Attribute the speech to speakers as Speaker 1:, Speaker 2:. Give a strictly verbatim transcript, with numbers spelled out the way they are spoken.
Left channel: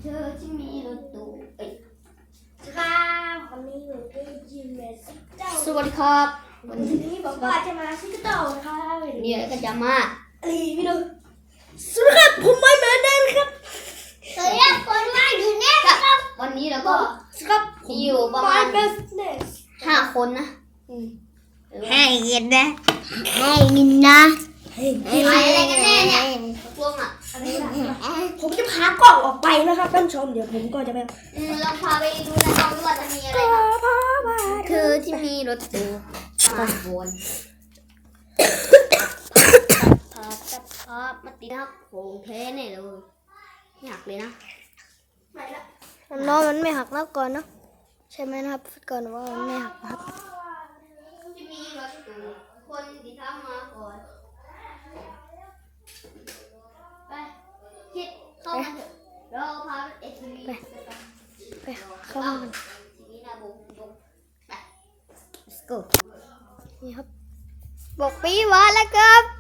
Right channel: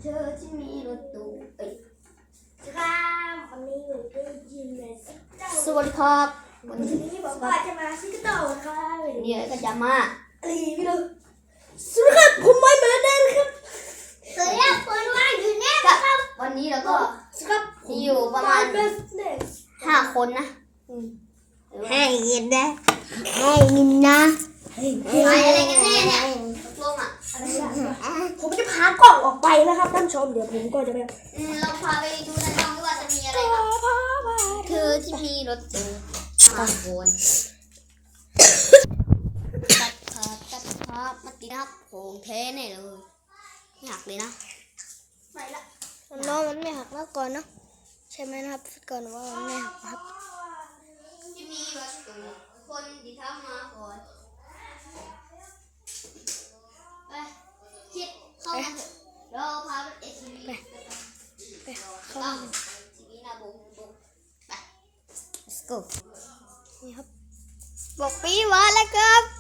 Speaker 1: เธอที่มีรถตู้เอ้ย
Speaker 2: ครับวันนี้หนูได้ยินเลยสิเจ้า
Speaker 1: สวัสดีครับวั
Speaker 2: วัน
Speaker 1: น
Speaker 2: นี้
Speaker 1: นี้
Speaker 2: บอกว่าจะมาซิกเต่าครับ
Speaker 1: เดี๋ยวก็จะมา
Speaker 2: รีวิวสวัสดีครับผมไม่เหมือนเดิมครับ
Speaker 3: สวัสดีครับคนมาอยู่เนี่ย
Speaker 1: ครับวันนี้เราก็
Speaker 2: ครับ
Speaker 1: มีอยู่ประมาณ
Speaker 2: เบสเนส
Speaker 1: ห้าคนนะอืม
Speaker 3: ให้กินนะให้กินนะ
Speaker 2: เฮ้ย
Speaker 1: เอ้ยอะไรกันแน่เนี่ยตกลงอ่ะ
Speaker 2: ผมจะพากล่องออกไปนะครับท่านผู้ชมเดี๋ยวผมก็จะไป
Speaker 1: อืมเราพาไปดูในห้องด้วยว่าจะมีอะไร
Speaker 2: พา
Speaker 1: บ้าง
Speaker 2: พาพา
Speaker 1: เธอที่มีรถตู้มาวนตัดภาพตัดภาพมาติดนะครับโผงเทแน่เลยไม่หักเลยนะ
Speaker 2: ไปละ
Speaker 3: น้องมันไม่หักนะก่อนเนาะใช่ไหมนะครับก่อนว่ามันไม่หักนะครับ
Speaker 1: ที่มีรถตู้คนที่ทำมาก่อนไปคิดเข้ามาเถอะเราพาเอทีวี
Speaker 3: ไปเข้ามากัน
Speaker 1: ทีวีหน้าบุ้งบุ้งไป let's go
Speaker 3: นี่ครับบอกปีหวานแล้วครับ